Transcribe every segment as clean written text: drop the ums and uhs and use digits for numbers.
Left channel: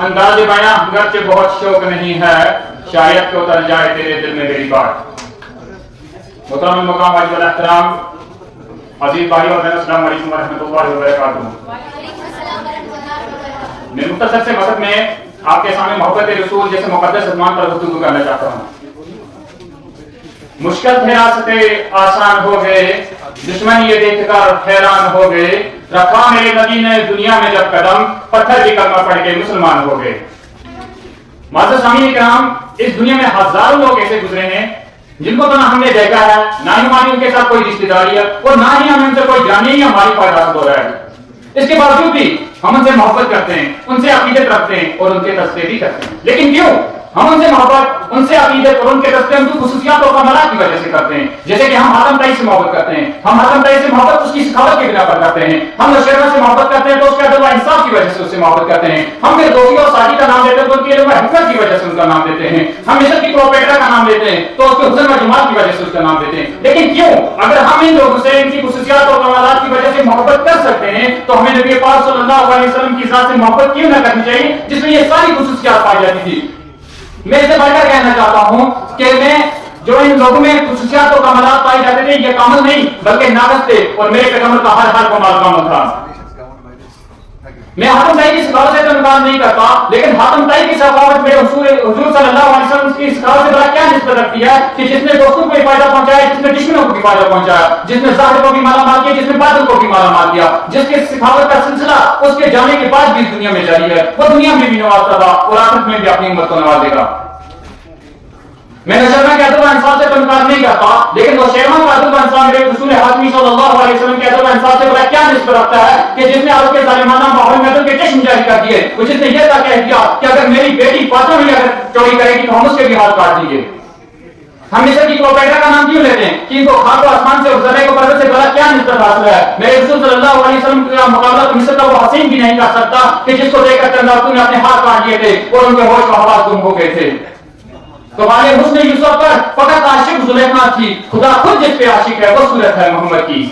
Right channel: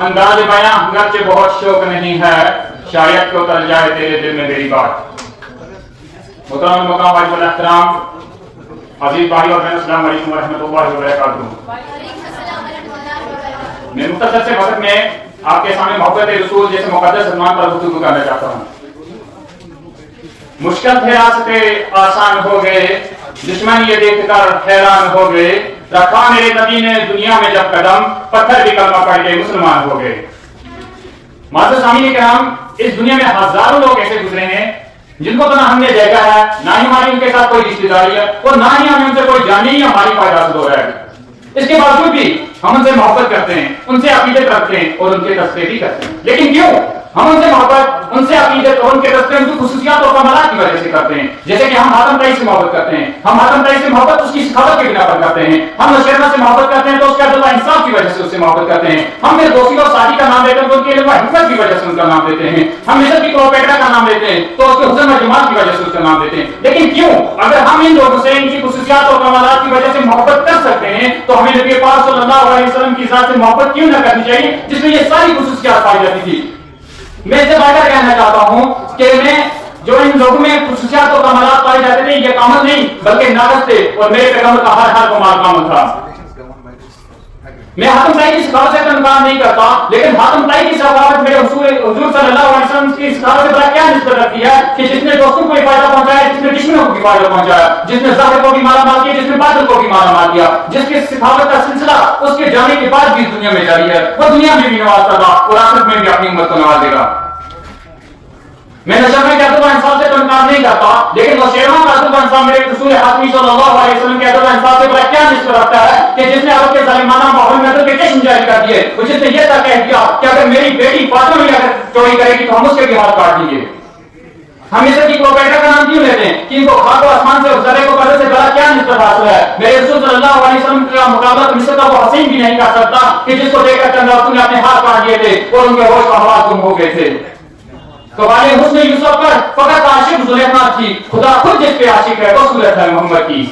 انداز بیاں گرچہ بہت شوق نہیں ہے، شاید کہ اتر جائے تیرے دل میں میری بات۔ محترم مقام واجب الاحترام عزیز بھائی اور بہنوں، السلام علیکم ورحمۃ اللہ وبرکاتہ۔ میں مختصر سے وقت میں آپ کے سامنے محبت رسول جیسے مقدس عنوان پر گفتگو کرنا چاہتا ہوں۔ مشکل تھے راستے آسان ہو گئے، دشمن یہ دیکھ کر حیران ہو گئے، رکھا میرے نبی نے دنیا میں جب قدم، پتھر بھی کلمہ پڑھ کے مسلمان ہو گئے۔ معزز سامعین کرام، اس دنیا میں ہزاروں لوگ ایسے گزرے ہیں جن کو تو نہ ہم نے دیکھا ہے، نہ ہی ہماری ان کے ساتھ کوئی رشتے داری ہے، اور نہ ہی ہمیں ان سے کوئی جانی یا مالی فائدہ حاصل ہو رہا ہے۔ اس کے باوجود بھی ہم ان سے محبت کرتے ہیں، ان سے عقیدت رکھتے ہیں اور ان کے تذکرے بھی کرتے ہیں۔ لیکن کیوں ہم ان سے محبت، ان سے عقیدت اور ان کے تذکرے ان کی خصوصیات اور کمالات کی وجہ سے کرتے ہیں؟ جیسے کہ ہم حاتم طائی سے محبت کرتے ہیں، ہم حاتم طائی سے محبت اس کی سخاوت کے بنا پر کرتے ہیں۔ ہم نوشیروان سے محبت کرتے ہیں تو اس کے عدل و انصاف کی وجہ سے اس سے محبت کرتے ہیں۔ ہم فردوسی اور سعدی کا نام لیتے ہیں تو ان کی علم و حکمت کی وجہ سے ان کا نام لیتے ہیں۔ ہم مصر کی کلیوپیٹرا کا نام لیتے ہیں تو اس کے حسن و جمال کی وجہ سے اس کا نام لیتے ہیں۔ لیکن کیوں اگر ہم ان لوگوں سے ان کی خصوصیات اور کمالات کی وجہ سے محبت کر سکتے ہیں تو ہمیں نبی پاک صلی اللہ علیہ وسلم کی ذات سے محبت کیوں نہ کرنی چاہیے جس میں یہ ساری خصوصیات پائی جاتی تھی؟ میں اس سے بڑھ کر کہنا چاہتا ہوں کہ میں جو ان لوگوں میں خصوصیات اور کمالات پائے جاتے تھے یہ کامل نہیں بلکہ ناقص تھے، اور میرے پیغمبر کا ہر کمال کامل تھا۔ میں حاتم طائی کی سخاوت سے تو انکار نہیں کرتا، لیکن حاتم طائی کی سخاوت میرے حضور صلی اللہ علیہ وسلم کی سخاوت سے بڑا کیا نسبت رکھتی ہے کہ جس نے دوستوں کو فائدہ پہنچایا، جس نے دشمنوں کو بھی فائدہ پہنچایا، جس نے ظاہر کو بھی مالا مال کیا، جس نے باطن کو بھی مالا مال کیا، جس کے سخاوت کا سلسلہ اس کے جانے کے بعد بھی دنیا میں جاری ہے، وہ دنیا میں بھی نوازتا تھا اور آخرت میں بھی اپنی امت کو نوازے گا۔ میں نشرمہ کے عدل و انصاف سے تو انکار نہیں کرتا، لیکن وہ شیرمان کا عدل و انصاف میرے رسول حاتمی صلی اللہ علیہ وسلم کے عدل و انصاف سے بڑا کیا نسبت رکھتا ہے کہ جس نے عرب کے ظالمانہ ماحول میں عدل کے چشم جاری کر دیے، وہ جس نے یہ تک کہہ دیا کہ اگر میری بیٹی فاطمہ بھی اگر چوری کرے گی تو ہم اس کے بھی ہاتھ کاٹ دیں گے۔ ہم مصر کی کلیوپیٹرا کا نام کیوں لیتے ہیں کہ ان کو خاک و آسمان سے اور زرے کو پردے سے بڑا کیا نسبت حاصل ہے؟ میرے رسول صلی اللہ علیہ وسلم کا مقابلہ تو مصر کا وہ حسین بھی نہیں کر سکتا کہ جس کو دیکھ کر چند عورتوں نے اپنے ہاتھ کاٹ دیے تھے اور ان کے ہوش و حواس گم ہو گئے تھے۔ تو والے حسن یوسف پر فقط عاشق زلیخا تھی، خدا خود جس پہ عاشق ہے وہ صورت ہے محمد کی۔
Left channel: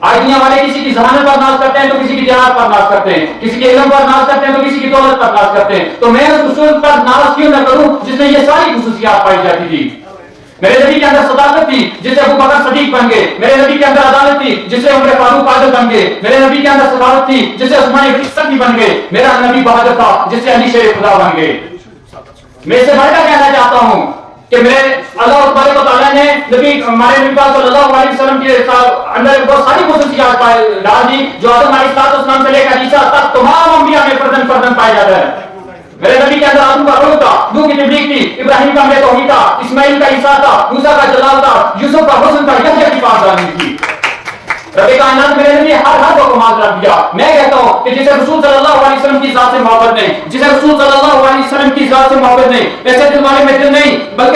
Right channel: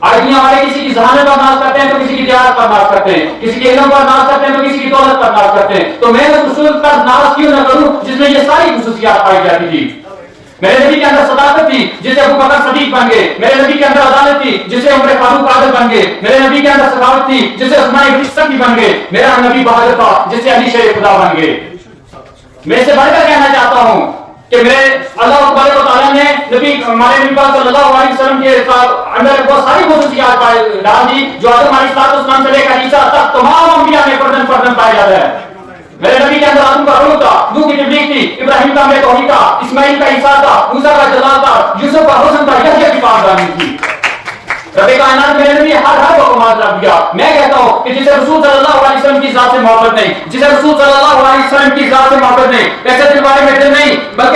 آج دنیا والے کسی کی ذہانت پر ناز کرتے ہیں تو کسی کی دیہات پر ناز کرتے ہیں، کسی کے علم پر ناز کرتے ہیں تو کسی کی دولت پر ناز کرتے ہیں۔ تو میں اس رسول پر ناز کیوں نہ کروں جس میں یہ ساری خصوصیات پائی جاتی تھی؟ میرے نبی کے اندر صداقت تھی جس سے ابو بکر صدیق بن گئے، میرے نبی کے اندر عدالت تھی جس سے عمر فاروق عادل بن گئے، میرے نبی کے اندر سخاوت تھی جس سے عثمان بن سکی بن گئے، میرا نبی بہادر تھا جس سے علی شیر خدا بن گئے۔ میں اس سے بڑھ کر کہنا چاہتا ہوں کہ میرے اللہ تبارک و تعالیٰ نے ہمارے نبی پاک صلی اللہ علیہ وسلم کے اندر بہت ساری خصوصیات ڈال دی جو آدم علیہ السلام سے لے کر عیسیٰ تک تمام انبیاء میں پردن پایا جاتا ہے۔ میرے نبی کے اندر آدم کا روح تھا، نوح کی تبلیغ تھی، ابراہیم کا ہمیں توحید تھا، اسماعیل کا عیسیٰ تھا، موسیٰ کا جلال تھا، یوسف کا حسن تھا، یحییٰ کی پاکدامنی تھی۔ رب کائنات میرے نبی ہر کو کمال رکھ دیا۔ میں کہتا ہوں کہ جسے رسول صلی اللہ علیہ وسلم کی ذات سے محبت نہیں، جسے رسول صلی اللہ علیہ وسلم کی ذات سے محبت نہیں، ایسے دل والے میں دل نہیں بلکہ